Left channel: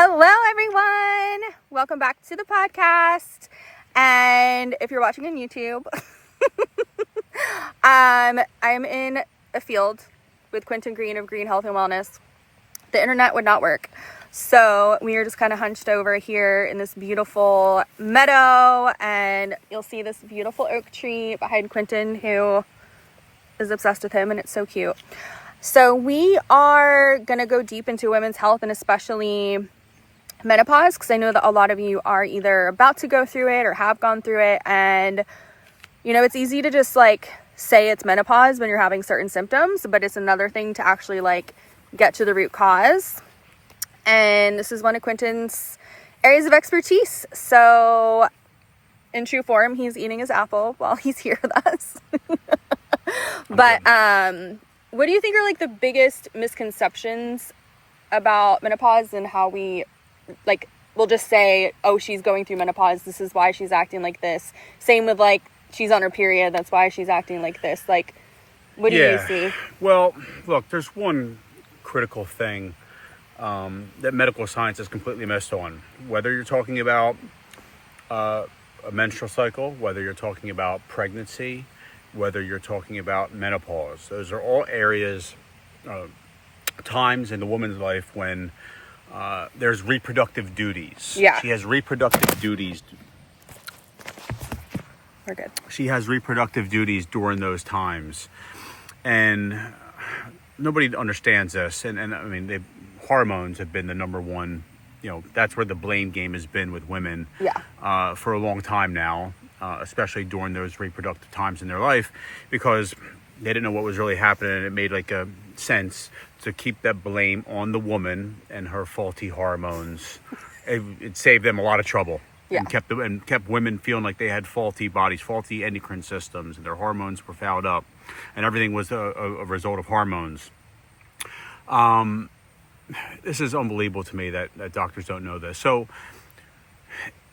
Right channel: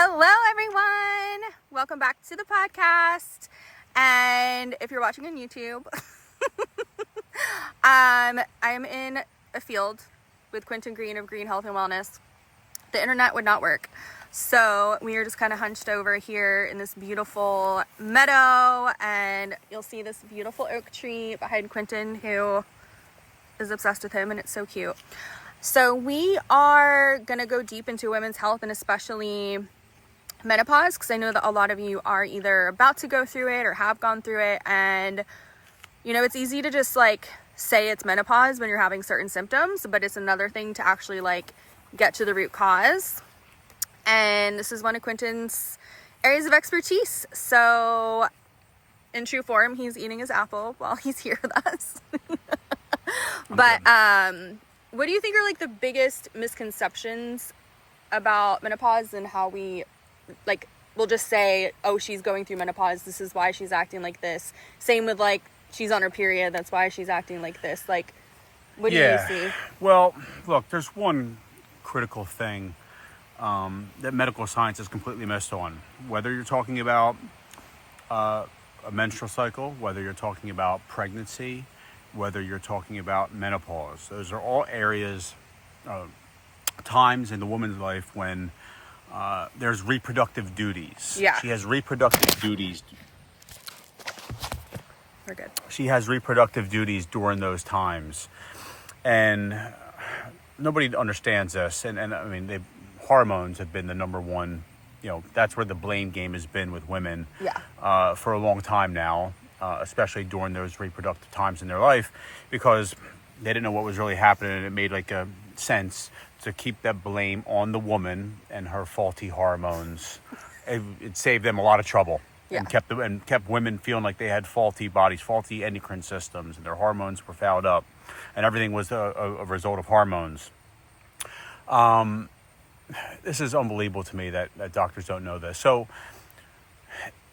Hello, everyone. Welcome back to the podcast. And if you're watching on YouTube, I'm in a field with Quinton Greene of Green Health and Wellness. The internet would not work. So we are just kind of hunched over here in this beautiful meadow, and you'll see this beautiful oak tree behind Quinton, who is obsessed with him, and it's so cute. So we are going to go deep into women's health, and especially menopause, because I know that a lot of you are either about to go through it or have gone through it. And, you know, it's easy to just say it's menopause when you're having certain symptoms, but it's another thing to actually get to the root cause. And this is one of Quinton's areas of expertise. So in true form, he's eating his apple while he's here with us. But what do you think are the biggest misconceptions about menopause and how we we'll just say, oh, she's going through menopause, this is why she's acting like this. Same with she's on her period, that's why she's acting like this. What do you see? Well, look, there's one critical thing that medical science is completely missed on. Whether you're talking about a menstrual cycle, whether you're talking about pregnancy, whether you're talking about menopause, those are all areas, times in the woman's life when there's reproductive duties. Yeah. She has reproductive duties. We're good. She has reproductive duties during those times. And nobody understands this. And I mean, hormones have been the number one, that's where the blame game has been with women for a long time now, especially during those reproductive times in their life, because they didn't know what was really happening. And it made a sense to keep that blame on the woman and her faulty hormones. It saved them a lot of trouble. Yeah. And kept women feeling like they had faulty bodies, faulty endocrine systems, and their hormones were fouled up, and everything was a result of hormones. This is unbelievable to me that doctors don't know this. So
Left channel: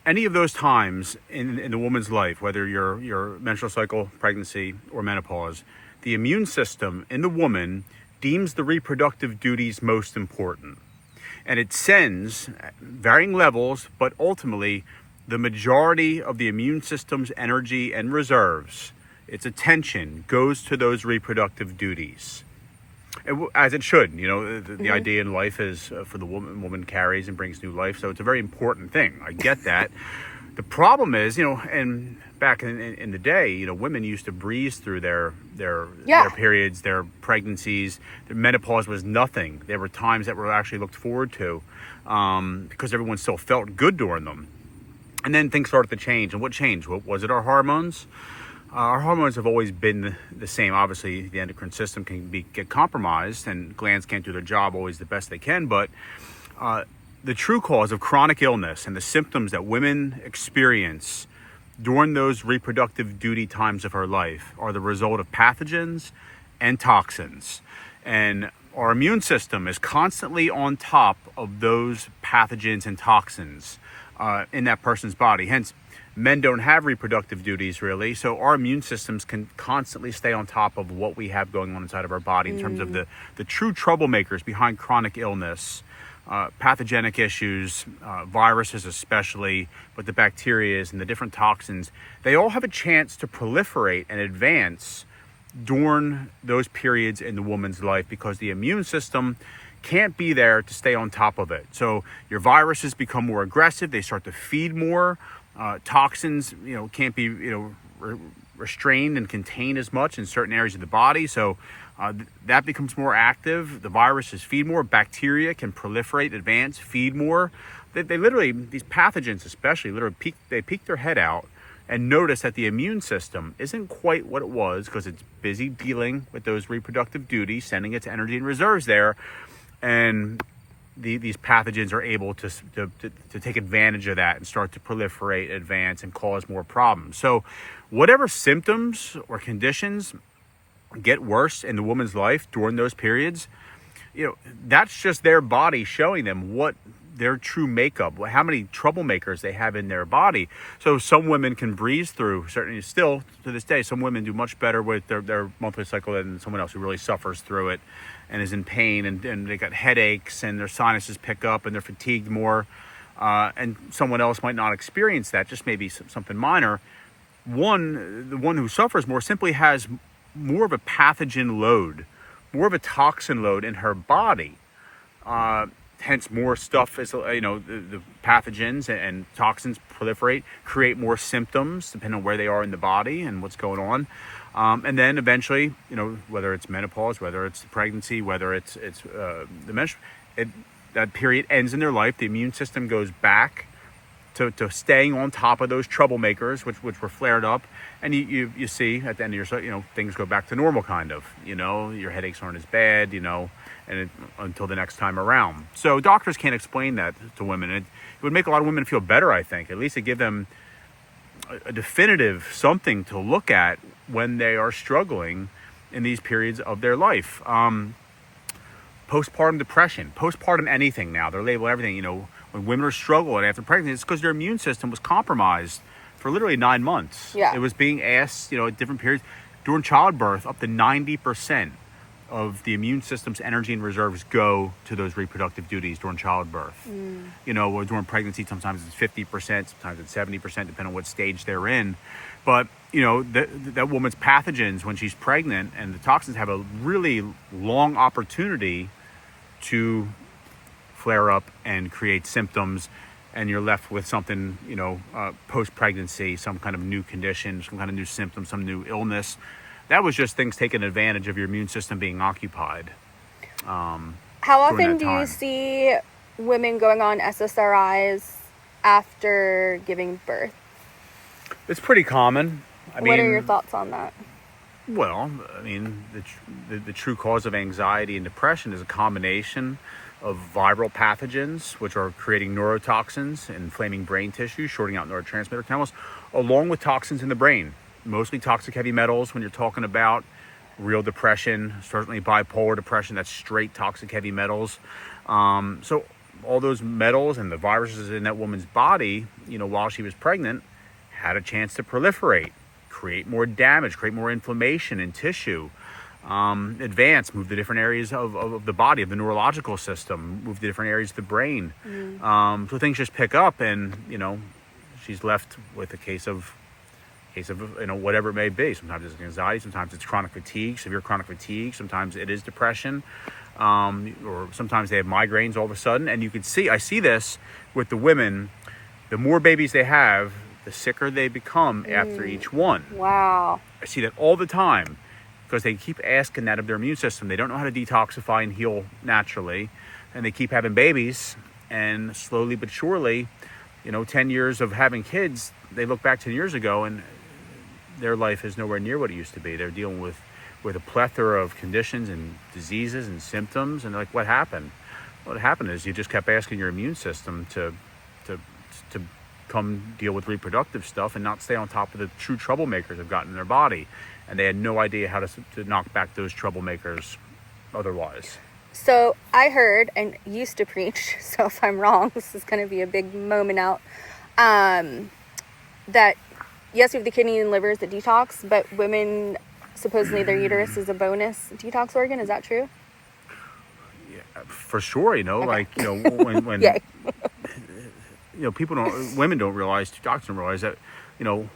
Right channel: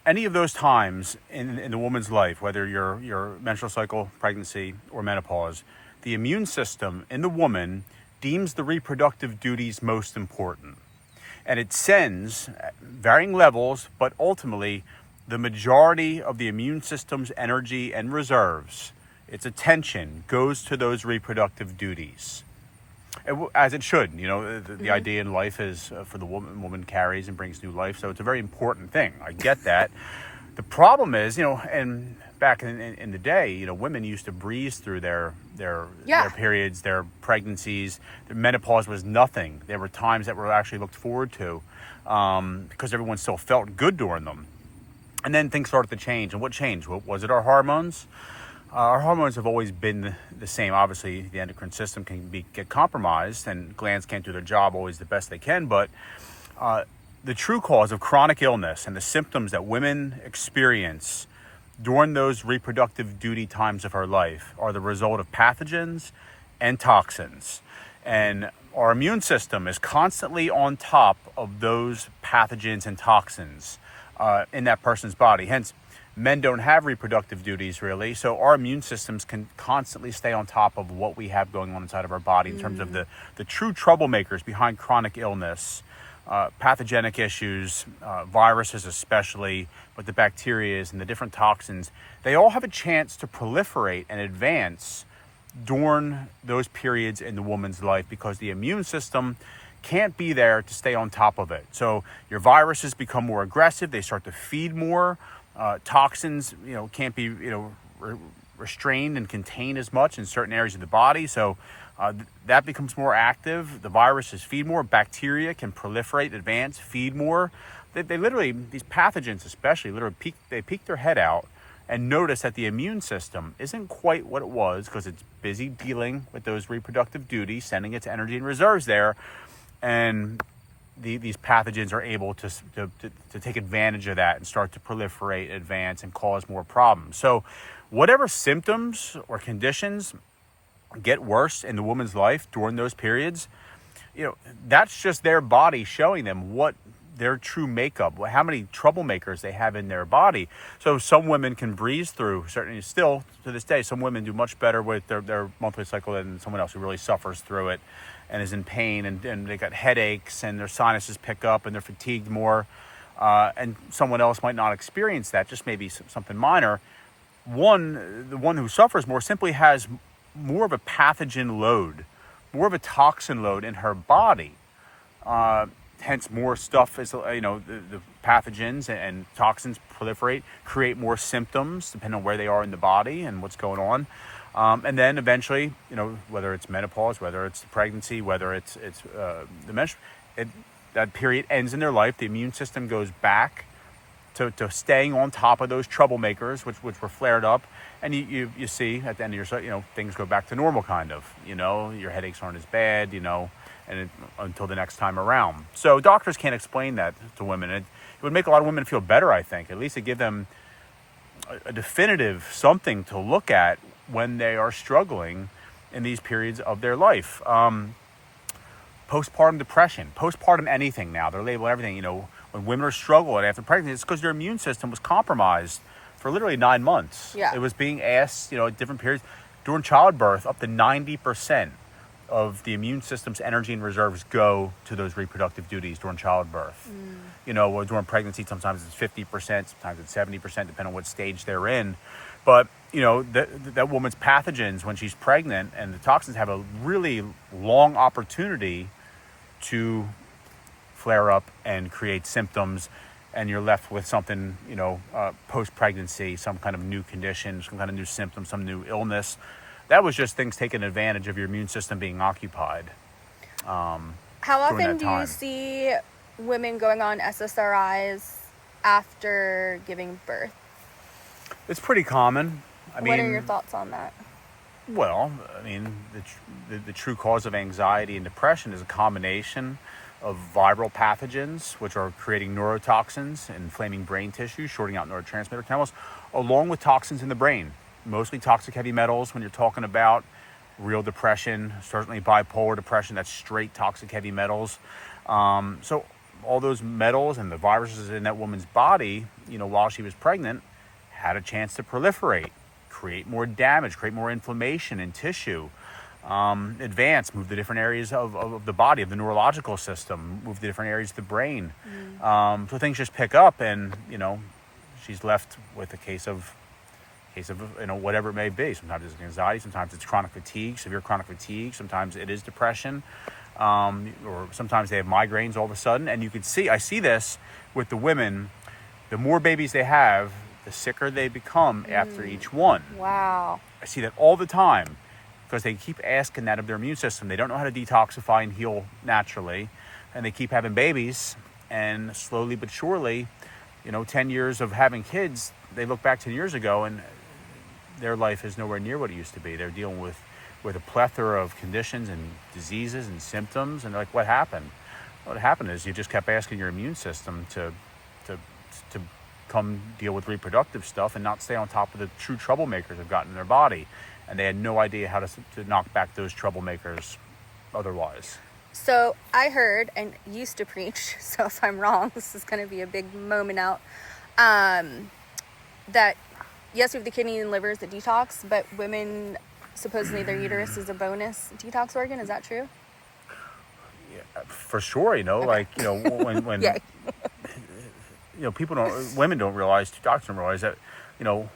any of those times in the woman's life, whether your menstrual cycle, pregnancy, or menopause, the immune system in the woman deems the reproductive duties most important. And it sends, at varying levels, but ultimately, the majority of the immune system's energy and reserves, its attention, goes to those reproductive duties. As it should. The idea in life is for the woman carries and brings new life. So it's a very important thing. I get that. The problem is, and back in the day, women used to breeze through their periods, their pregnancies. Their menopause was nothing. There were times that were actually looked forward to because everyone still felt good during them. And then things started to change. And what changed? Was it our hormones? Our hormones have always been the same. Obviously, the endocrine system can get compromised, and glands can't do their job always the best they can. But the true cause of chronic illness and the symptoms that women experience during those reproductive duty times of her life are the result of pathogens and toxins. And our immune system is constantly on top of those pathogens and toxins in that person's body. Hence, men don't have reproductive duties really, so our immune systems can constantly stay on top of what we have going on inside of our body in terms of the true troublemakers behind chronic illness, pathogenic issues, viruses especially, but the bacteria and the different toxins. They all have a chance to proliferate and advance during those periods in the woman's life because the immune system can't be there to stay on top of it. So your viruses become more aggressive, they start to feed more. Toxins, can't be, restrained and contained as much in certain areas of the body. So that becomes more active. The viruses feed more. Bacteria can proliferate, advance, feed more. They literally, these pathogens especially, peek their head out and notice that the immune system isn't quite what it was because it's busy dealing with those reproductive duties, sending its energy and reserves there. And these pathogens are able to take advantage of that and start to proliferate, advance, and cause more problems. So whatever symptoms or conditions get worse in the woman's life during those periods, that's just their body showing them what their true makeup, how many troublemakers they have in their body. So some women can breeze through, certainly still to this day, some women do much better with their monthly cycle than someone else who really suffers through it and is in pain, and they got headaches, and their sinuses pick up, and they're fatigued more, and someone else might not experience that, just maybe something minor. The one who suffers more simply has more of a pathogen load, more of a toxin load in her body. Hence, more stuff is, the pathogens and toxins proliferate, create more symptoms depending on where they are in the body and what's going on. And then eventually, whether it's menopause, whether it's pregnancy, whether it's the menstrual, that period ends in their life. The immune system goes back to staying on top of those troublemakers, which were flared up. And you see at the end of your cycle, things go back to normal kind of, your headaches aren't as bad, until the next time around. So doctors can't explain that to women. It would make a lot of women feel better, I think, at least to give them a definitive something to look at when they are struggling in these periods of their life. Postpartum depression, postpartum anything now, they're labeling everything, when women are struggling after pregnancy, it's because their immune system was compromised for literally 9 months. Yeah. It was being asked, at different periods. During childbirth, up to 90% of the immune system's energy and reserves go to those reproductive duties during childbirth. During pregnancy, sometimes it's 50%, sometimes it's 70%, depending on what stage they're in. But, that woman's pathogens when she's pregnant and the toxins have a really long opportunity to flare up and create symptoms, and you're left with something, post-pregnancy, some kind of new condition, some kind of new symptom, some new illness. That was just things taking advantage of your immune system being occupied. How often do you see women going on SSRIs after giving birth? It's pretty common. What are your thoughts on that? Well, the true cause of anxiety and depression is a combination of viral pathogens, which are creating neurotoxins, inflaming brain tissue, shorting out neurotransmitter chemicals, along with toxins in the brain. Mostly toxic heavy metals when you're talking about real depression, certainly bipolar depression, that's straight toxic heavy metals. So all those metals and the viruses in that woman's body, while she was pregnant, had a chance to proliferate, create more damage, create more inflammation in tissue, move to different areas of the body, of the neurological system, move to different areas of the brain. So things just pick up, and, she's left with a case of whatever it may be. Sometimes it's anxiety, sometimes it's chronic fatigue, severe chronic fatigue, sometimes it is depression, or sometimes they have migraines all of a sudden. And I see this with the women. The more babies they have, the sicker they become after each one. Wow. I see that all the time because they keep asking that of their immune system. They don't know how to detoxify and heal naturally, and they keep having babies, and slowly but surely, 10 years of having kids, they look back 10 years ago and their life is nowhere near what it used to be. They're dealing with a plethora of conditions and diseases and symptoms, and they're like, what happened? What happened is you just kept asking your immune system to come deal with reproductive stuff and not stay on top of the true troublemakers they've got in their body. And they had no idea how to knock back those troublemakers otherwise. So I heard and used to preach, so if I'm wrong, this is going to be a big moment out, that yes, we have the kidney and livers that detox, but women, supposedly their uterus is a bonus detox organ. Is that true? Yeah, for sure, okay. When Yay. Women don't realize, doctors don't realize that, a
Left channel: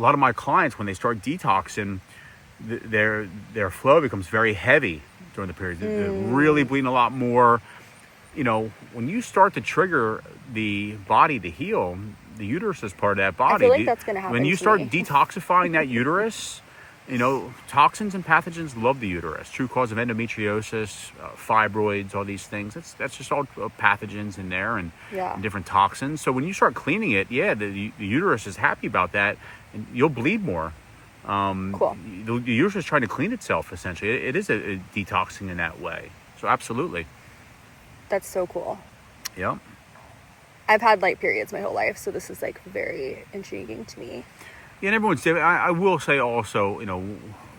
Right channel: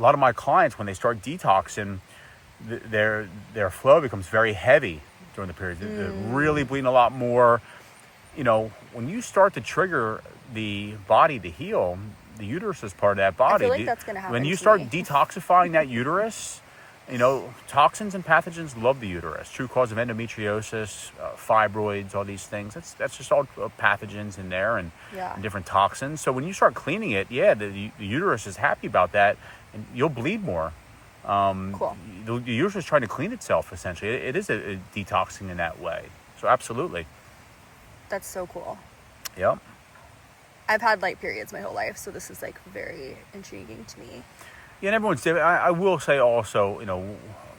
lot of my clients, when they start detoxing, their flow becomes very heavy during the period. They're really bleeding a lot more. When you start to trigger the body to heal, the uterus is part of that body. I feel like that's going to happen. When you start detoxifying that uterus, toxins and pathogens love the uterus. True cause of endometriosis, fibroids, all these things. That's just all pathogens in there and different toxins. So when you start cleaning it, the uterus is happy about that, and you'll bleed more. Cool. The uterus is trying to clean itself, essentially. It is a detoxing in that way. So absolutely. That's so cool. Yep. I've had light periods my whole life, so this is very intriguing to me. Yeah, and everyone's different. I will say also,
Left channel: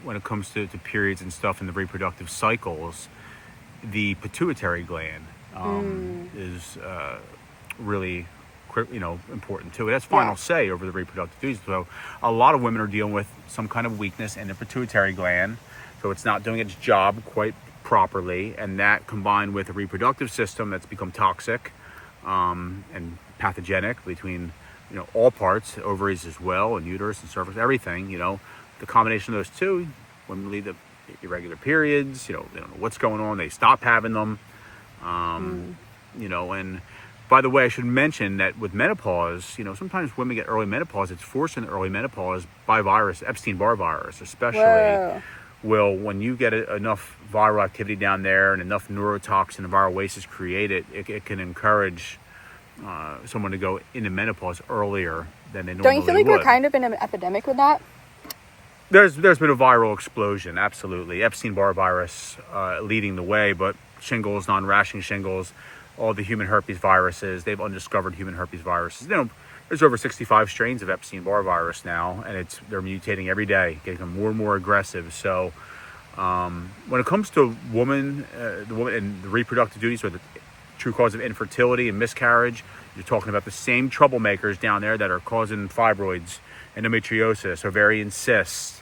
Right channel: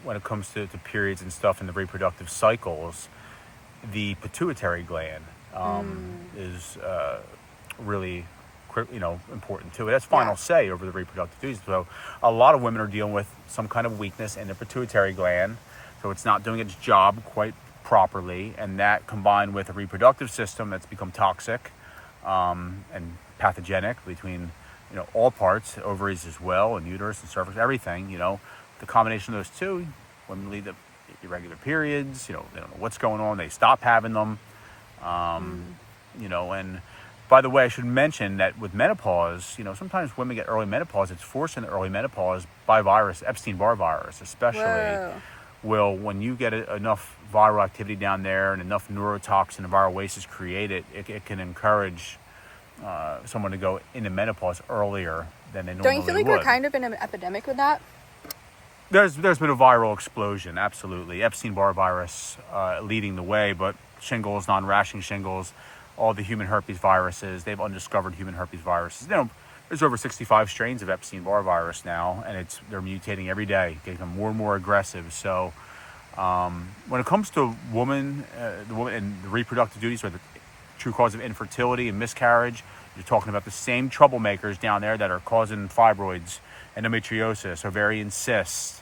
when it comes to periods and stuff in the reproductive cycles, the pituitary gland is really, important too. That's final say over the reproductive duties. So a lot of women are dealing with some kind of weakness in their pituitary gland, so it's not doing its job quite properly, and that combined with a reproductive system that's become toxic and pathogenic between, all parts, ovaries as well, and uterus and cervix, everything, the combination of those two, women lead to irregular periods, they don't know what's going on, they stop having them, and by the way, I should mention that with menopause, sometimes women get early menopause. It's forced into early menopause by virus, Epstein-Barr virus, especially. Whoa. Well, when you get enough viral activity down there and enough neurotoxin and viral waste is created, it can encourage someone to go into menopause earlier than they normally would. Don't you feel like we're kind of in an epidemic with that? There's been a viral explosion, absolutely. Epstein-Barr virus leading the way, but shingles, non-rashing shingles, all the human herpes viruses, they've undiscovered human herpes viruses. There's over 65 strains of Epstein-Barr virus now, and they're mutating every day, getting more and more aggressive. So when it comes to the woman and the reproductive duties, so the true cause of infertility and miscarriage, you're talking about the same troublemakers down there that are causing fibroids, endometriosis, ovarian cysts,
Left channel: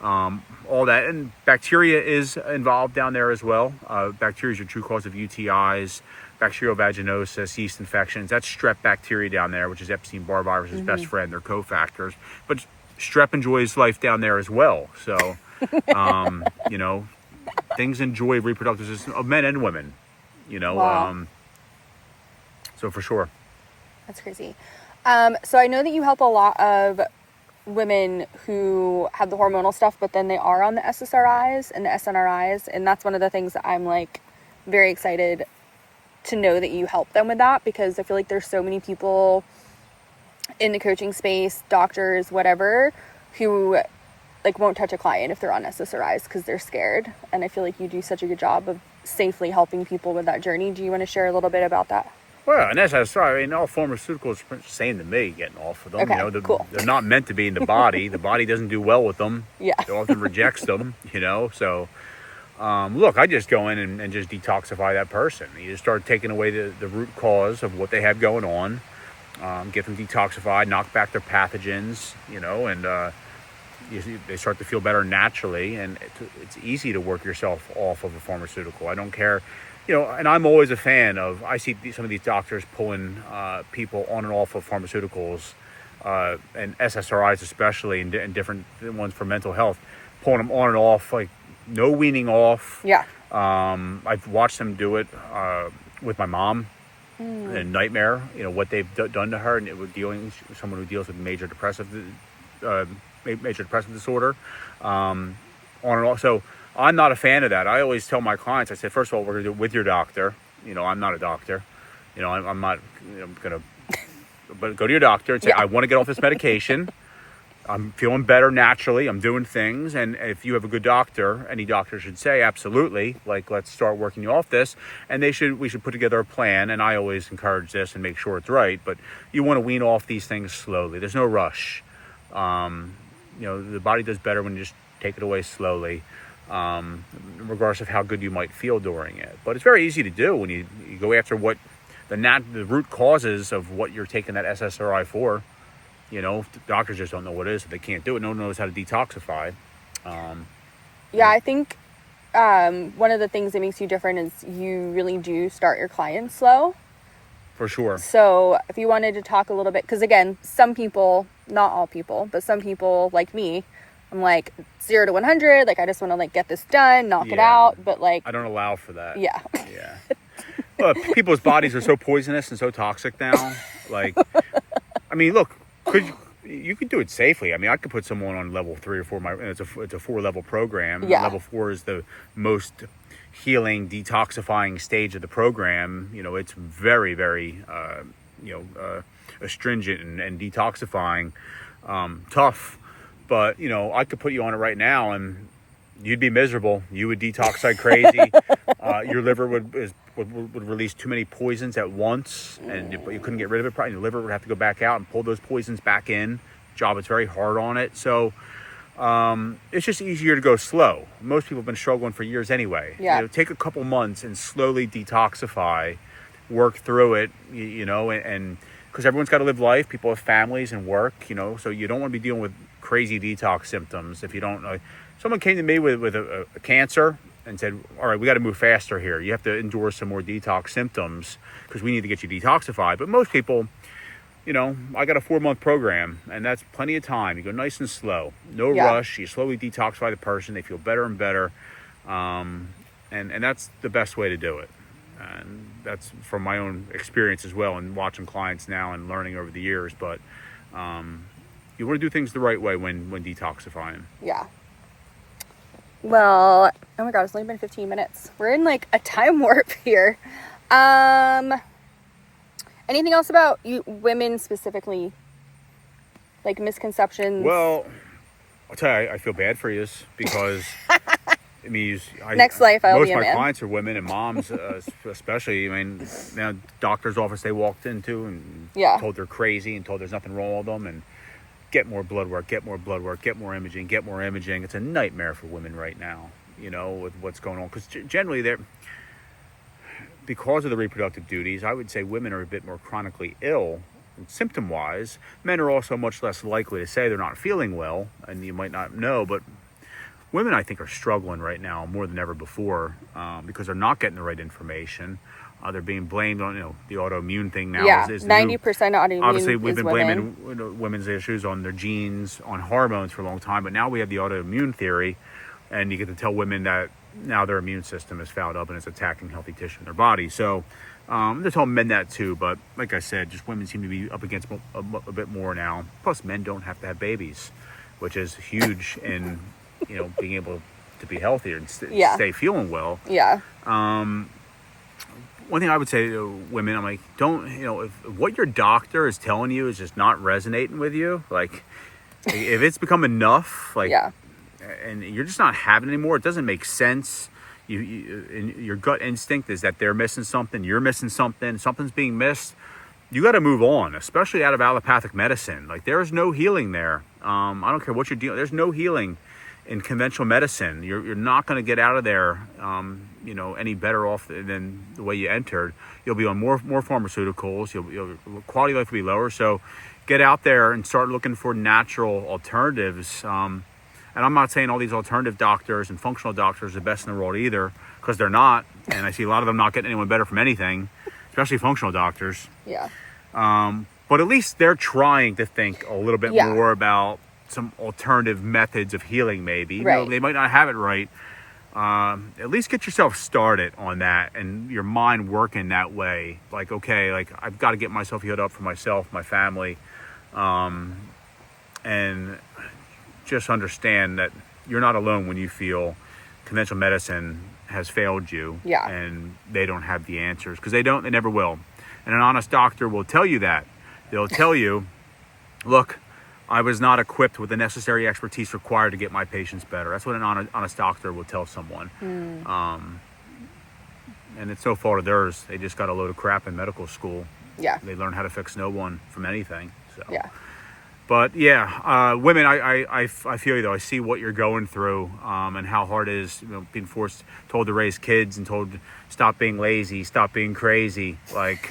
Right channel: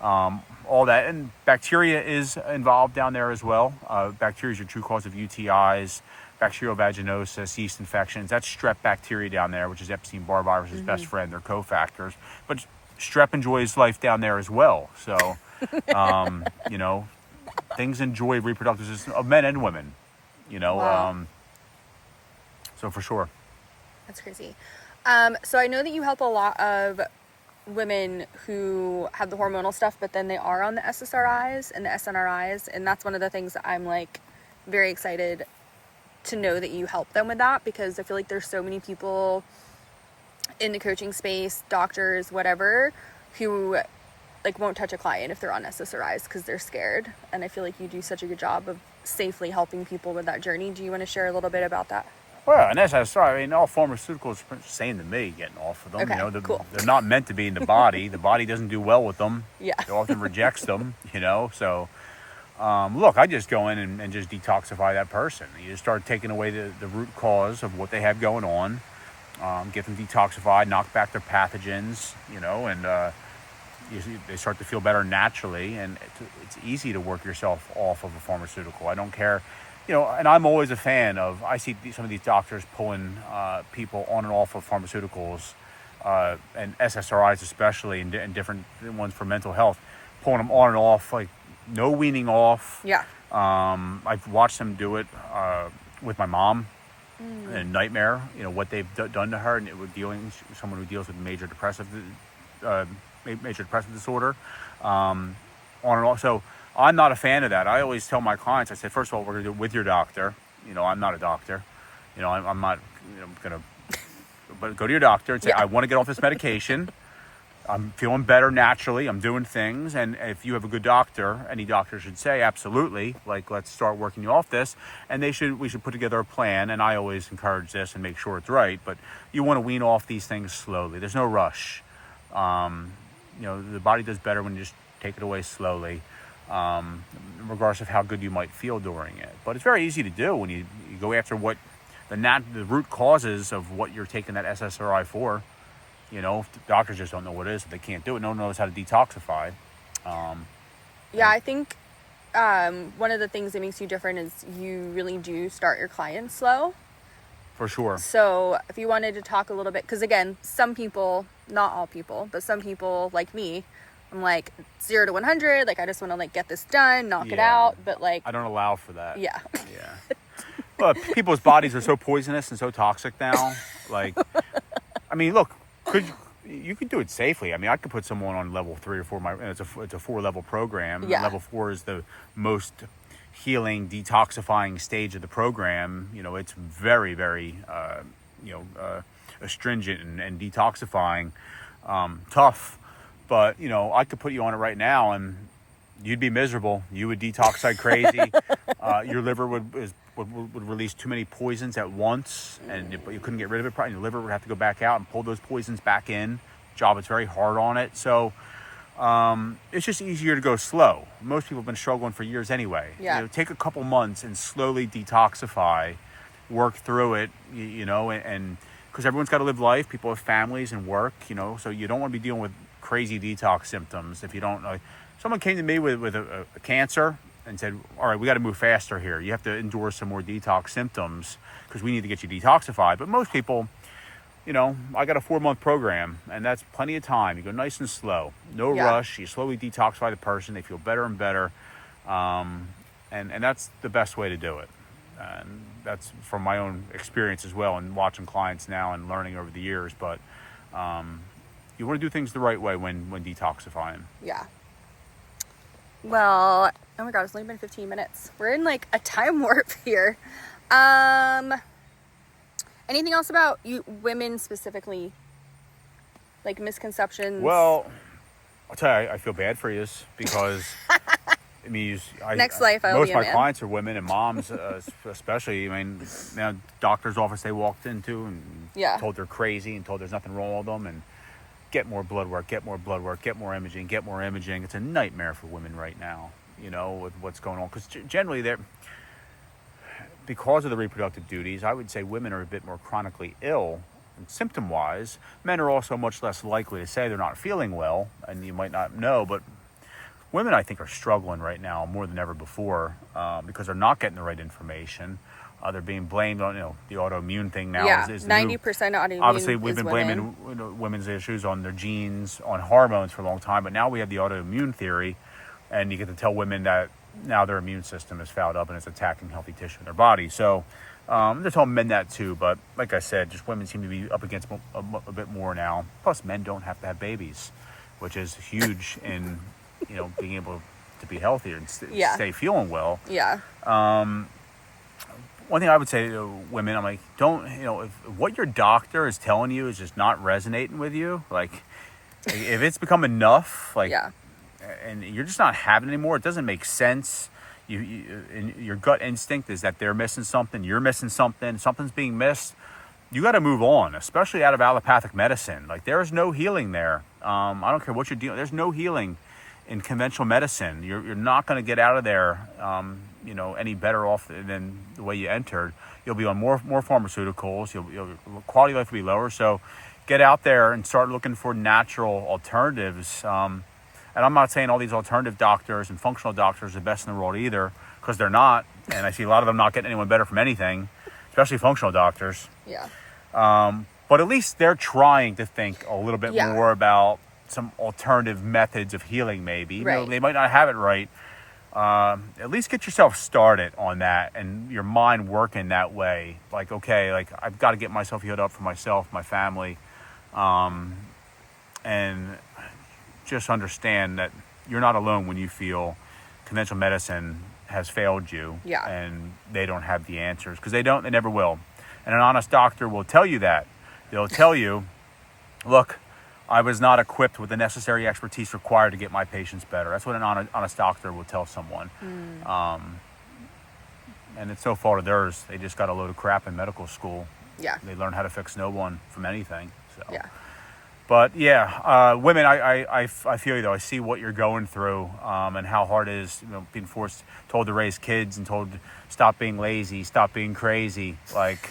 all that. And bacteria is involved down there as well. Bacteria is your true cause of UTIs, bacterial vaginosis, yeast infections. That's strep bacteria down there, which is Epstein-Barr virus's best friend. They're cofactors. But strep enjoys life down there as well. So, things enjoy reproductive system of men and women, Wow. So for sure. That's crazy. So I know that you help a lot of women who have the hormonal stuff, but then they are on the SSRIs and the SNRIs. And that's one of the things that I'm very excited to know that you help them with that, because I feel like there's so many people in the coaching space, doctors, whatever, who won't touch a client if they're on SSRIs because they're scared. And I feel like you do such a good job of safely helping people with that journey. Do you want to share a little bit about that? Well, and as I said, all pharmaceuticals are the same to me, getting off of them. Okay, cool. They're not meant to be in the body. The body doesn't do well with them. Yeah. It often rejects them, So, look, I just go in and just detoxify that person. You just start taking away the root cause of what they have going on, get them detoxified, knock back their pathogens, and they start to feel better naturally. And it's easy to work yourself off of a pharmaceutical. I don't care. And I'm always a fan of, I see some of these doctors pulling people on and off of pharmaceuticals, and SSRIs especially, and different ones for mental health, pulling them on and off, no weaning off. Yeah. I've watched them do it with my mom, and nightmare, what they've done to her, and someone who deals with major depressive disorder, on and off. So I'm not a fan of that. I always tell my clients, I say, first of all, we're going to do it with your doctor. I'm not a doctor. I'm not going to, but go to your doctor and say, I want to get off this medication. I'm feeling better naturally. I'm doing things. And if you have a good doctor, any doctor should say, absolutely, let's start working you off this. And we should put together a plan. And I always encourage this and make sure it's right. But you want to wean off these things slowly. There's no rush. The body does better when you just take it away slowly, regardless of how good you might feel during it. But it's very easy to do when you go after what the root causes of what you're taking that SSRI for. Doctors just don't know what it is, so they can't do it. No one knows how to detoxify. I think one of the things that makes you different is you really do start your clients slow. For sure. So if you wanted to talk a little bit, because again, some people, not all people, but some people like me, I'm 0 to 100. I just want to get this done, knock it out. But I don't allow for that. Yeah. Yeah. Well, people's bodies are so poisonous and so toxic now. Look, you could do it safely. I could put someone on level 3 or 4. It's a 4-level program. Yeah. Level 4 is the most healing, detoxifying stage of the program. It's very, very, astringent and detoxifying, tough. But, I could put you on it right now and you'd be miserable. You would detox like crazy. Your liver would release too many poisons at once, but you couldn't get rid of it. Probably your liver would have to go back out and pull those poisons back in. Job is very hard on it. So it's just easier to go slow. Most people have been struggling for years anyway. Yeah. Take a couple months and slowly detoxify, work through it, and because everyone's got to live life. People have families and work, so you don't want to be dealing with crazy detox symptoms if you don't know. Someone came to me with a cancer and said, all right, we got to move faster here. You have to endure some more detox symptoms because we need to get you detoxified. But most people, you know, I got a 4-month program, and that's plenty of time. You go nice and slow, no rush. You slowly detoxify the person. They feel better and better. And that's the best way to do it. And that's from my own experience as well, and watching clients now and learning over the years. But you want to do things the right way when detoxifying. Yeah. Well, oh my God, it's only been 15 minutes. We're in like a time warp here. Anything else about you women specifically? Like misconceptions? Well, I'll tell you, I feel bad for you because it means next life I'll most be of a my man. clients are women and moms, especially. I mean, now doctor's office they walked into and told they're crazy and told there's nothing wrong with them and get more blood work, get more blood work, get more imaging, get more imaging. It's a nightmare for women right now, you know, with what's going on. Because generally they're, because of the reproductive duties, I would say women are a bit more chronically ill and symptom-wise. Men are also much less likely to say they're not feeling well, and you might not know, but women, I think, are struggling right now more than ever before because they're not getting the right information. They're being blamed on, you know, the autoimmune thing now. Is 90% autoimmune. Obviously, we've been women. blaming women's issues on their genes, on hormones for a long time, but now we have the autoimmune theory, and you get to tell women that now their immune system is fouled up and it's attacking healthy tissue in their body. So they're telling men that too, but like I said, just women seem to be up against a bit more now. Plus, men don't have to have babies, which is huge in, you know, being able to be healthier and stay feeling well. Yeah. One thing I would say to women, I'm like, don't, you know, if what your doctor is telling you is just not resonating with you, like, if it's become enough, like, and you're just not having it anymore, it doesn't make sense. Your gut instinct is that they're missing something, you're missing something, something's being missed. You got to move on, especially out of allopathic medicine. Like, there is no healing there. I don't care what you're dealing. There's no healing in conventional medicine. You're not going to get out of there, you know, any better off than the way you entered. You'll be on more pharmaceuticals. Your quality of life will be lower. So get out there and start looking for natural alternatives. And I'm not saying all these alternative doctors and functional doctors are the best in the world either, because they're not. And I see a lot of them not getting anyone better from anything, especially functional doctors. Yeah. But at least they're trying to think a little bit more about some alternative methods of healing, maybe. You know, they might not have it right. At least get yourself started on that and your mind working that way. Like, okay, like I've got to get myself healed up for myself, my family, and just understand that you're not alone when you feel conventional medicine has failed you and they don't have the answers, because they never will. And an honest doctor will tell you that. They'll tell you, look, I was not equipped with the necessary expertise required to get my patients better. That's what an honest doctor will tell someone. And it's no fault of theirs. They just got a load of crap in medical school. Yeah. They learn how to fix no one from anything. So. Yeah. But women, I feel you though. I see what you're going through, and how hard it is, you know, being told to raise kids and told to stop being lazy, stop being crazy. Like,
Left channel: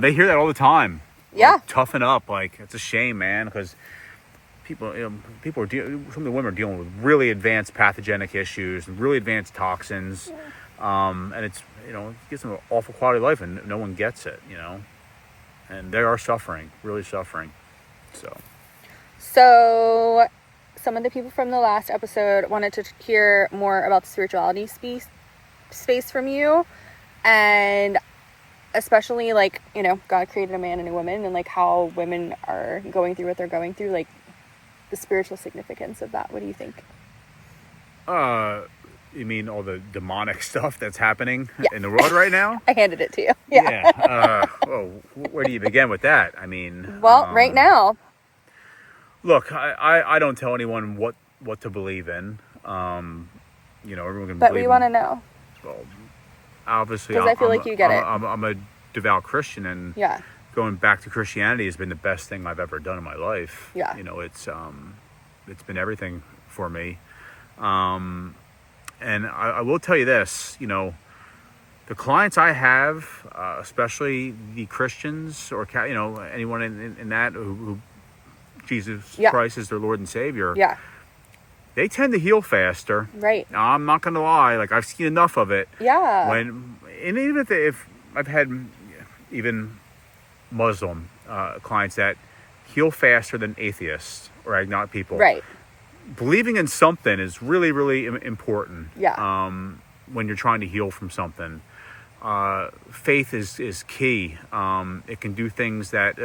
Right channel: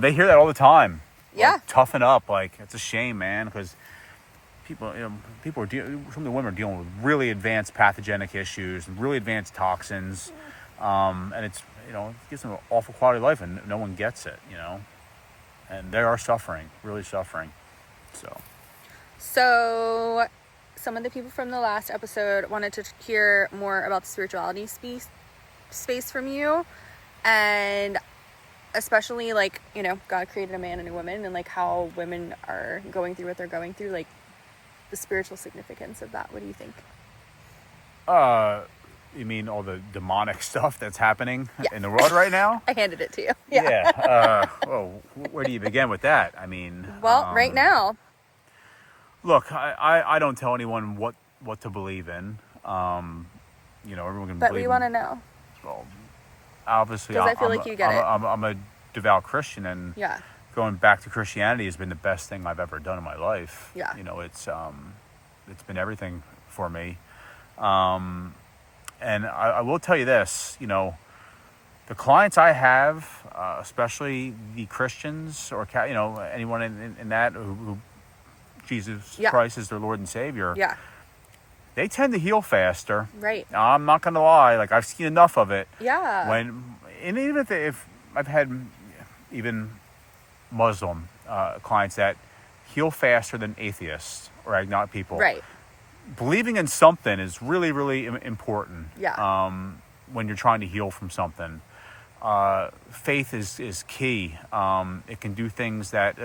they hear that all the time. Yeah. Like, toughen up. Like, it's a shame, man, because people are some of the women are dealing with really advanced pathogenic issues and really advanced toxins, and it's, you know, it gives them an awful quality of life, and no one gets it, you know, and they are suffering, really suffering. So some of the people from the last episode wanted to hear more about the spirituality space from you, and especially, like, you know, God created a man and a woman, and like how women are going through what they're going through, like the spiritual significance of that. What do you think? You mean all the demonic stuff that's happening in the world right now? I handed it to you. Yeah. Well, where do you begin with that? I mean, well, right now. Look, I don't tell anyone what to believe in. You know, everyone can but believe. We want to know. Well, obviously, because I feel like you get it. I'm a devout Christian, and going back to Christianity has been the best thing I've ever done in my life. Yeah. You know, it's been everything for me. And I will tell you this, you know, the clients I have, especially the Christians or, you know, anyone in that who Jesus Christ is their Lord and Savior. Yeah. they tend to heal faster. Right. Now, I'm not going to lie. Like, I've seen enough of it. Yeah. And even if I've had even Muslim clients that heal faster than atheists or agnostic people. Right. Believing in something is really, really important. Yeah. When you're trying to heal from something. Faith is key. It can do things that,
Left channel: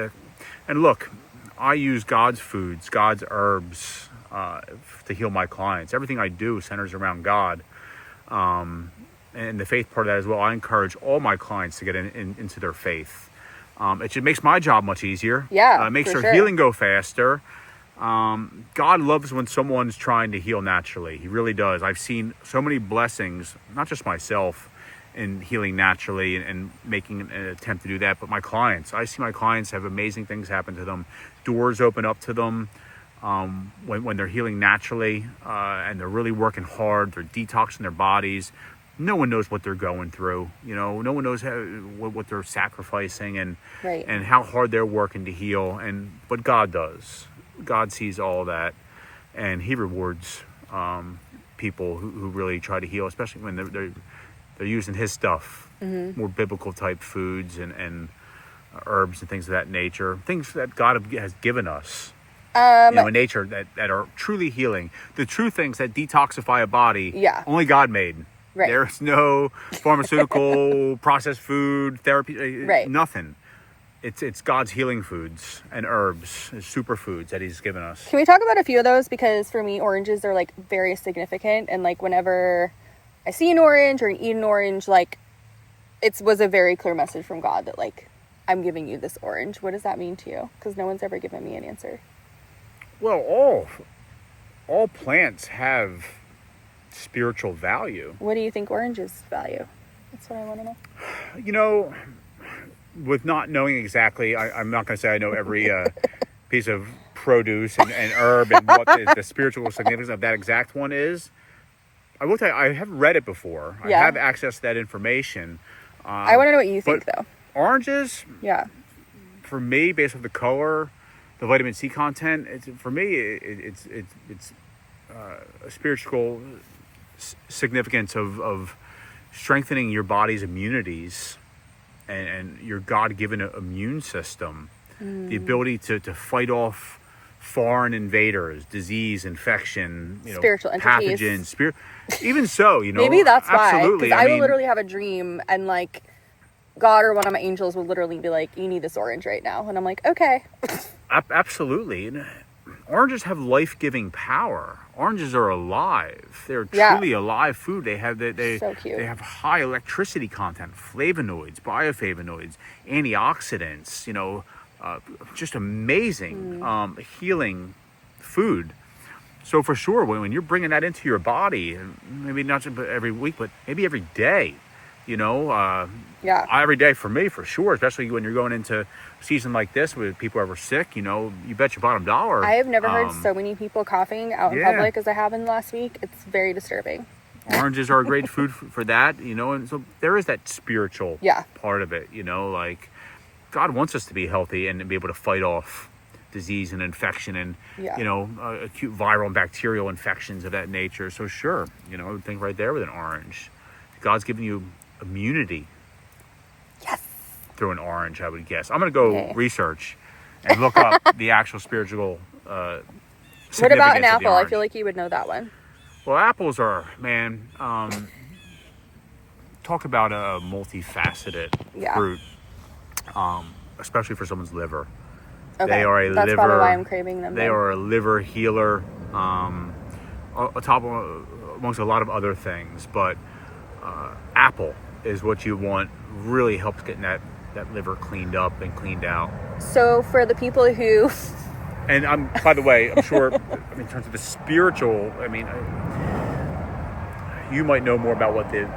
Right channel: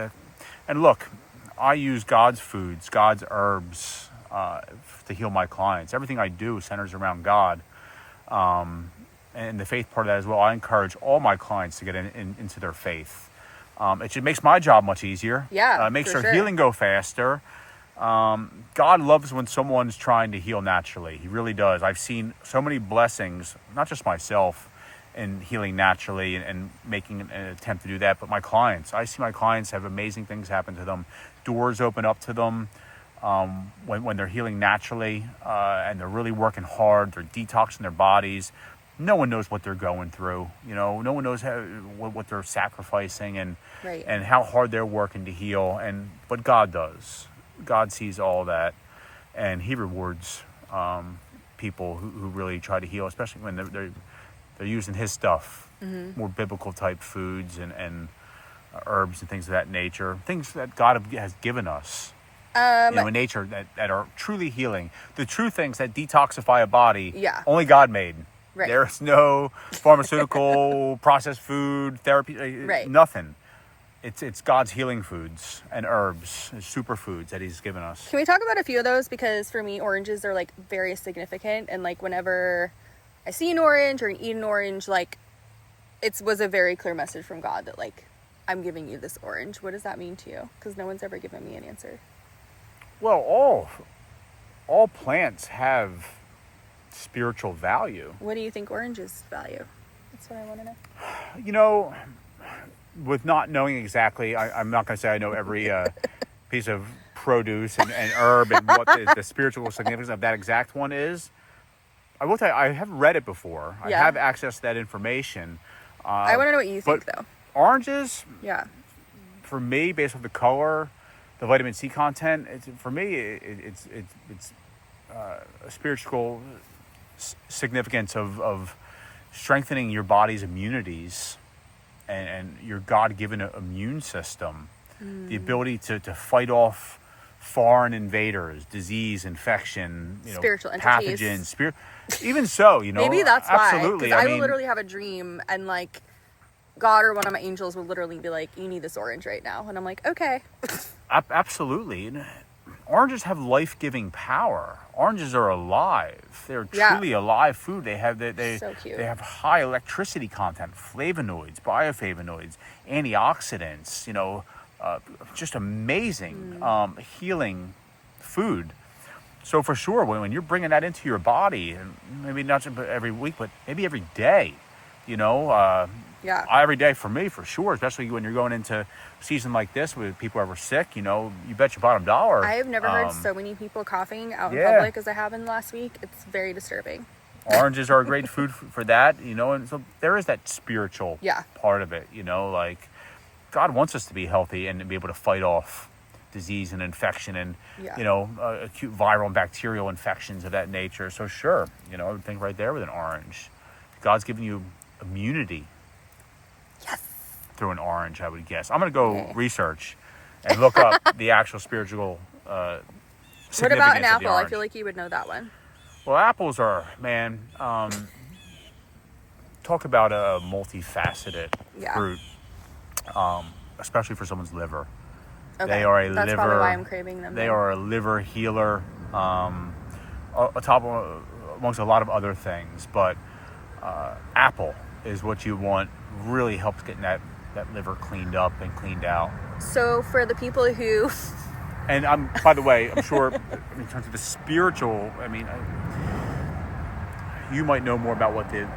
and look, I use God's foods, God's herbs to heal my clients. Everything I do centers around God, and the faith part of that as well. I encourage all my clients to get into their faith. It just makes my job much easier. Yeah, it makes for their sure. healing go faster. God loves when someone's trying to heal naturally. He really does. I've seen so many blessings, not just myself, in healing naturally and making an attempt to do that, but my clients. I see my clients have amazing things happen to them. Doors open up to them when they're healing naturally, and they're really working hard. They're detoxing their bodies. No one knows what they're going through. No one knows what they're sacrificing and Right. and how hard they're working to heal. But God does. God sees all that, and He rewards people who really try to heal, especially when they're using His stuff, more biblical type foods and herbs and things of that nature, things that God has given us. In nature that are truly healing. The true things that detoxify a body, Yeah. only God made. Right. There's no pharmaceutical, processed food, therapy, Right. nothing. It's God's healing foods and herbs, superfoods that He's given us. Can we talk about a few of those? Because for me, oranges are like very significant, and like whenever I see an orange or eat an orange, like it was a very clear message from God that like I'm giving you this orange. What does that mean to you? Because no one's ever given me an answer. Well, all plants have spiritual value. What do you think oranges value? That's what I want to know. With not knowing exactly, I'm not going to say I know every piece of produce and herb and what the spiritual significance of that exact one is. I will tell you, I have read it before. Yeah. I have access to that information. I want to know what you think, though. Oranges, Yeah. for me, based on the color, the vitamin C content, it's a spiritual significance of strengthening your body's immunities and your God-given immune system, the ability to fight off foreign invaders, disease, infection, Spiritual entities. pathogens, even so, Maybe that's why. absolutely. Because I will literally have a dream and like God or one of my angels will literally be like, you need this orange right now. And I'm like, okay. Absolutely. And oranges have life-giving power. Oranges are alive. They're truly alive food. They have So cute. They have high electricity content, flavonoids, bioflavonoids, antioxidants, just amazing healing food. So for sure, when you're bringing that into your body, and maybe not just every week, but maybe every day, every day for me, for sure, especially when you're going into a season like this with people ever sick, you bet your bottom dollar. I have never heard so many people coughing out in public as I have in the last week. It's very disturbing. Oranges are a great food for that, and so there is that spiritual part of it, like God wants us to be healthy and be able to fight off disease and infection and, acute viral and bacterial infections of that nature. So sure, I would think right there with an orange. God's giving you immunity through an orange, I would guess. I'm going to go research and look up the actual spiritual significance. What about an of the apple? I orange. feel like you would know that one. Well, apples are, talk about a multifaceted fruit, especially for someone's liver. Okay. They are That's probably why I'm craving them. They are a liver healer, amongst a lot of other things. But apple is what you want. Really helps getting that liver cleaned up and cleaned out. So for the people who... And by the way, I'm sure in terms of the spiritual, you might know more about what the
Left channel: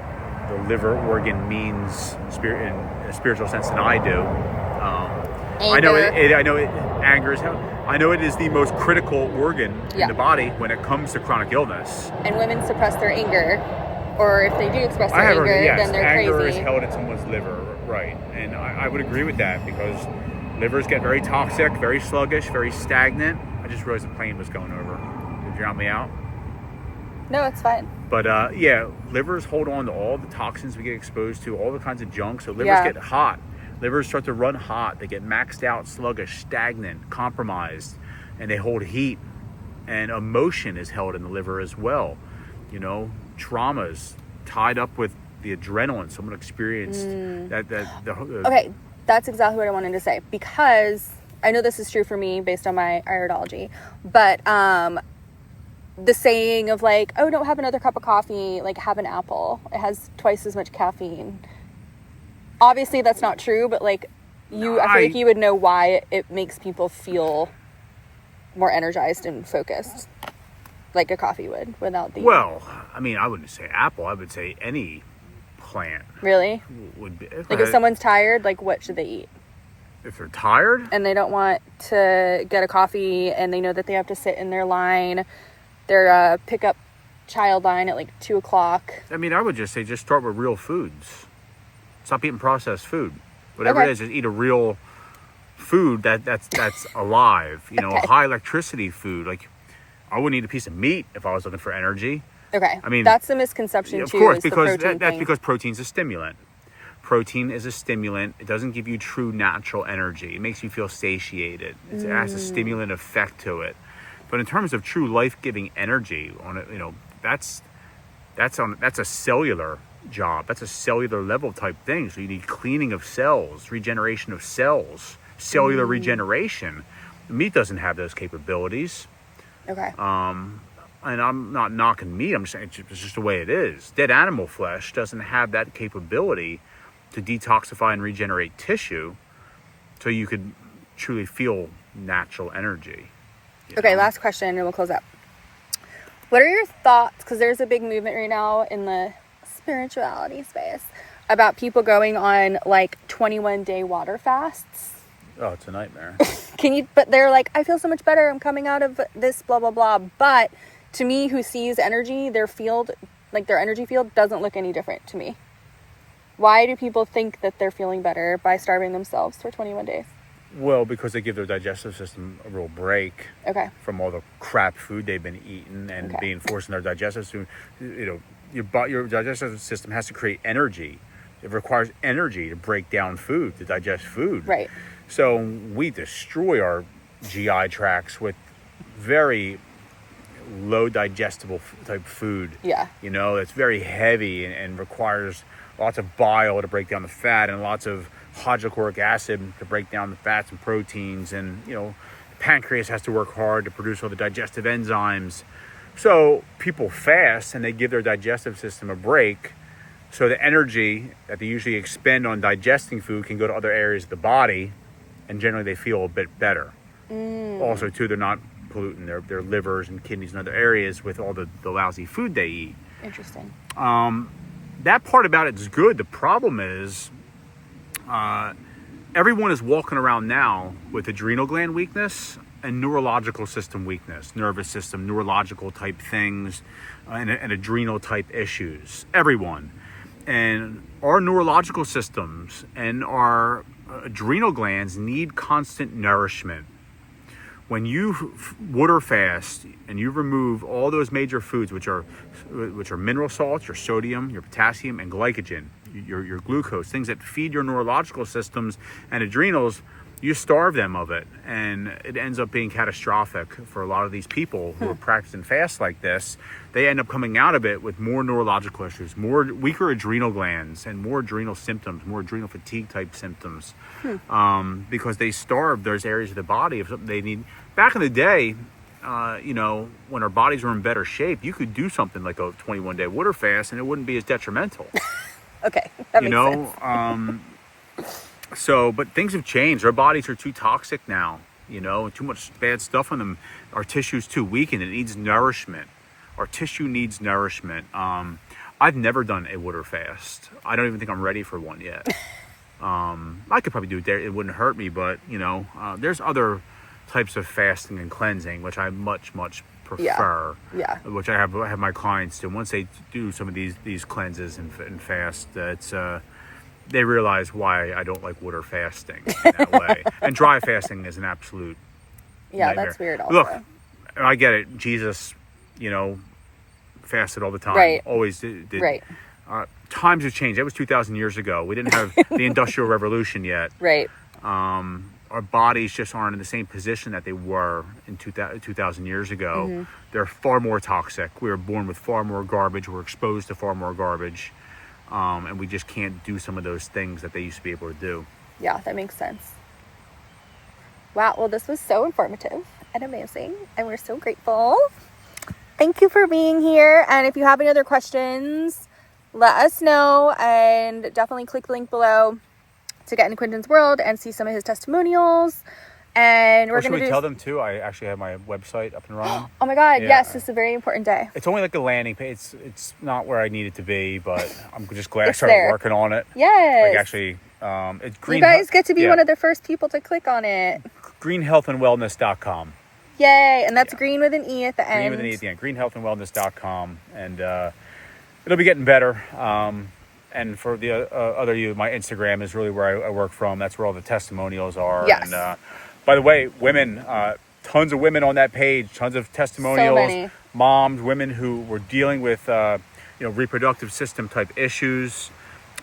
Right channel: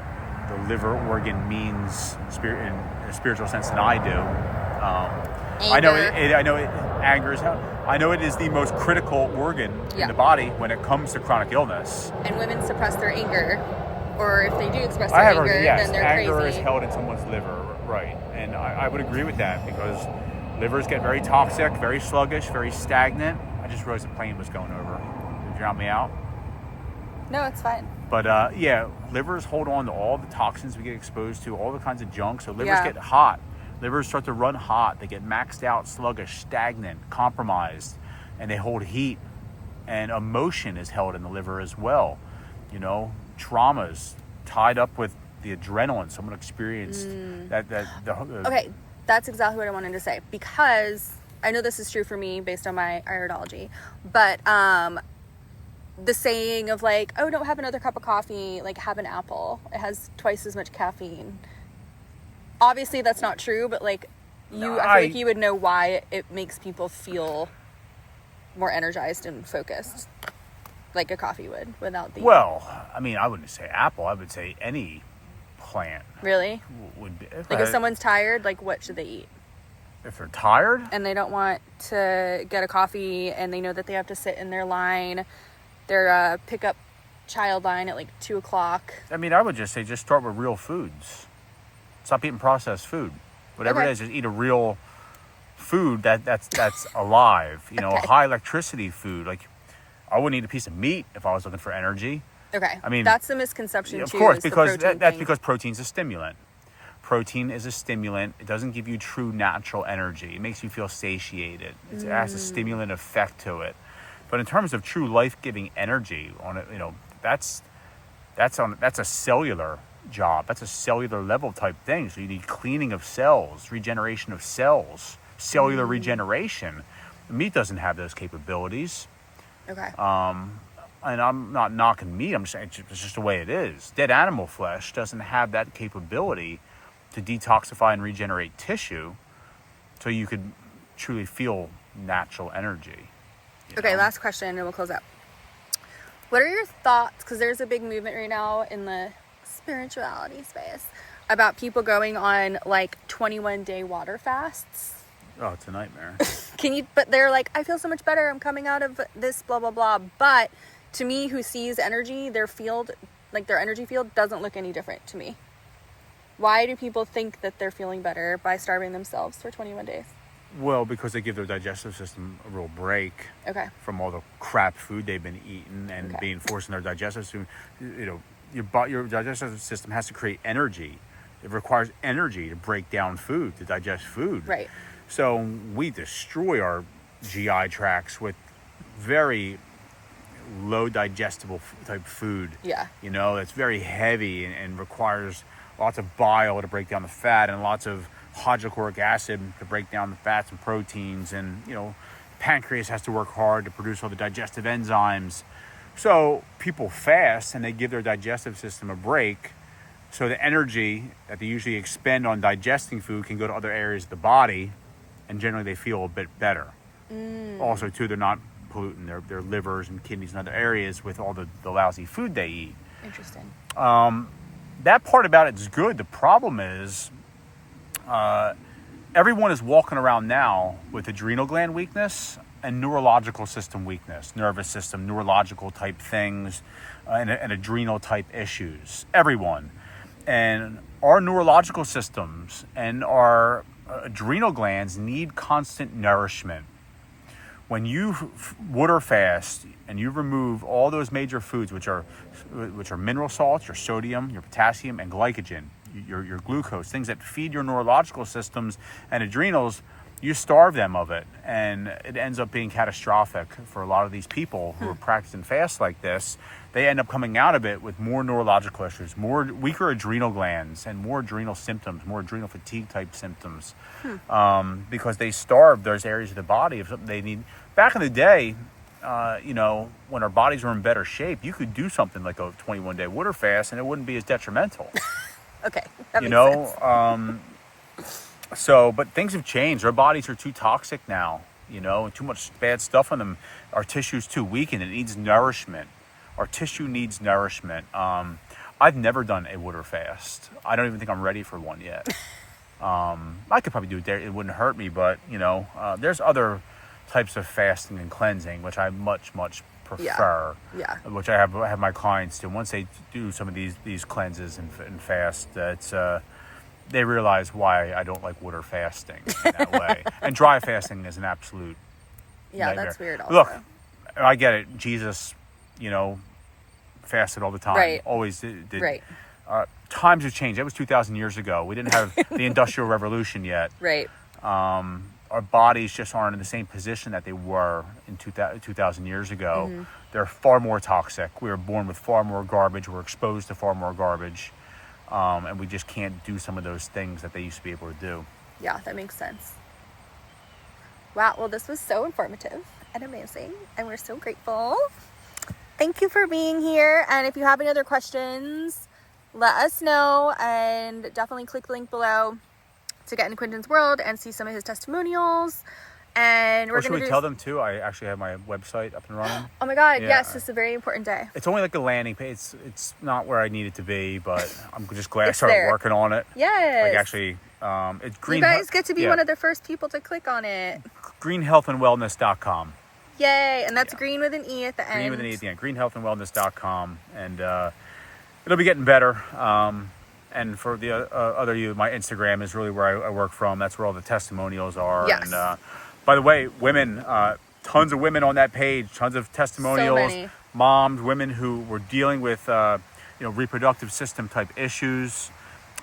liver organ means in a spiritual sense than I do. I know anger is how. I know it is the most critical organ in the body when it comes to chronic illness. And women suppress their anger, or if they do express their anger, then they're anger crazy. is held in someone's liver, right? And I would agree with that because livers get very toxic, very sluggish, very stagnant. I just realized the plane was going over. Did you drown me out? No, it's fine. But yeah, livers hold on to all the toxins we get exposed to, all the kinds of junk. So livers Yeah. get hot. Livers start to run hot. They get maxed out, sluggish, stagnant, compromised, and they hold heat. And emotion is held in the liver as well. You know, traumas tied up with the adrenaline someone experienced. Okay, that's exactly what I wanted to say, because I know this is true for me based on my iridology, but the saying of like, oh, don't have another cup of coffee, like have an apple. It has twice as much caffeine. Obviously that's not true, but like I feel like you would know why it makes people feel more energized and focused, like a coffee would without the... Well, I mean, I wouldn't say apple. I would say any plant. Really? Would be. Like if someone's tired, like what should they eat? If they're tired? And they don't want to get a coffee and they know that they have to sit in their line, their pickup child line at like 2 o'clock. I mean, I would just say just start with real foods. Stop eating processed food. Whatever it is, just eat a real food that's alive. You know, high electricity food. Like, I wouldn't eat a piece of meat if I was looking for energy. Okay. I mean, that's the misconception too. Of course, because that's because protein's a stimulant. Protein is a stimulant. It doesn't give you true natural energy. It makes you feel satiated. It has a stimulant effect to it. But in terms of true life-giving energy, on it, you know, that's a cellular job. That's a cellular level type thing. So you need cleaning of cells, regeneration of cells, cellular regeneration. Meat doesn't have those capabilities. Okay. And I'm not knocking meat. I'm just saying it's just the way it is. Dead animal flesh doesn't have that capability to detoxify and regenerate tissue, so you could truly feel natural energy. Okay, last question and we'll close up. What are your thoughts, because there's a big movement right now in the spirituality space about people going on like 21-day water fasts? Oh, it's a nightmare. But they're like, I feel so much better, I'm coming out of this, blah, blah, blah. But to me, who sees energy, their energy field doesn't look any different to me. Why do people think that they're feeling better by starving themselves for 21 days? Well, because they give their digestive system a real break from all the crap food they've been eating and being forced in their digestive system. You know, your digestive system has to create energy. It requires energy to break down food, to digest food. Right. So we destroy our GI tracts with very low digestible type food. Yeah. You know, it's very heavy and requires lots of bile to break down the fat and lots of hydrochloric acid to break down the fats and proteins. And, you know, the pancreas has to work hard to produce all the digestive enzymes. So people fast and they give their digestive system a break, so the energy that they usually expend on digesting food can go to other areas of the body, and generally they feel a bit better. Also, too, they're not polluting their livers and kidneys and other areas with all the lousy food they eat. Interesting. That part about it is good. The problem is everyone is walking around now with adrenal gland weakness and neurological system weakness, nervous system, neurological type things, and adrenal type issues. Everyone. And our neurological systems and our adrenal glands need constant nourishment. When you water fast and you remove all those major foods, which are mineral salts, your sodium, your potassium, and glycogen, your glucose, things that feed your neurological systems and adrenals, you starve them of it, and it ends up being catastrophic for a lot of these people who are practicing fasts like this. They end up coming out of it with more neurological issues, more weaker adrenal glands, and more adrenal symptoms, more adrenal fatigue type symptoms, because they starved those areas of the body of something they need. Back in the day, you know, when our bodies were in better shape, you could do something like a 21-day water fast, and it wouldn't be as detrimental. Okay, that makes sense. So, but things have changed. Our bodies are too toxic now, you know, too much bad stuff on them. Our tissue's too weak and it needs nourishment. Our tissue needs nourishment. I've never done a water fast. I don't even think I'm ready for one yet. I could probably do it there. It wouldn't hurt me, but, you know, there's other types of fasting and cleansing, which I much prefer. Yeah. Which I have my clients do. Once they do some of these cleanses and fast, it's they realize why I don't like water fasting in that way. And dry fasting is an absolute nightmare. That's weird also. Look, I get it. Jesus, you know, fasted all the time. Right. Always did. Right. Times have changed. That was 2,000 years ago. We didn't have the Industrial Revolution yet. Right. Our bodies just aren't in the same position that they were in 2,000 years ago. Mm-hmm. They're far more toxic. We were born with far more garbage. We're exposed to far more garbage. And we just can't do some of those things that they used to be able to do. Yeah, that makes sense. Wow, well, this was so informative and amazing, and we're so grateful. Thank you for being here, and if you have any other questions, let us know, and definitely click the link below to get into Quinton's world and see some of his testimonials. And we're should we tell them too? I actually have my website up and running. Oh my God, Yeah. yes, this is a very important day. It's only like a landing page. It's not where I need it to be, but I'm just glad I started working on it. Yes. Like actually, it's green. You guys get to be one of the first people to click on it. greenhealthandwellness.com. Yay, and that's green with an E at the end. Green with an E at the end. greenhealthandwellness.com. And it'll be getting better. And for the other you, my Instagram is really where I work from. That's where all the testimonials are. Yes. And by the way, women, tons of women on that page, tons of testimonials. So many. Moms, women who were dealing with reproductive system type issues.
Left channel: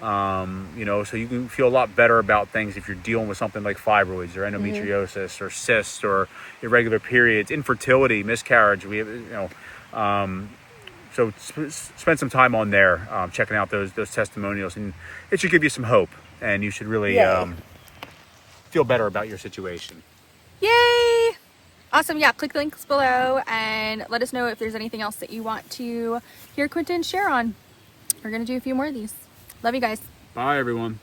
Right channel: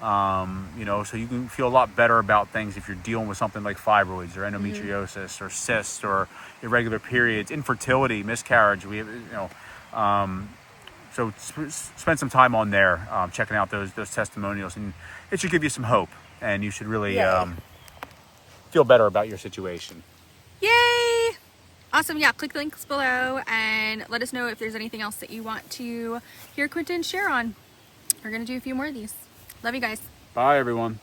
So you can feel a lot better about things if you're dealing with something like fibroids or endometriosis or cysts or irregular periods, infertility, miscarriage. We have, so spend some time on there, checking out those testimonials, and it should give you some hope, and you should really feel better about your situation. Yay! Awesome. Yeah, click the links below and let us know if there's anything else that you want to hear Quinton share on. We're going to do a few more of these. Love you guys. Bye, everyone.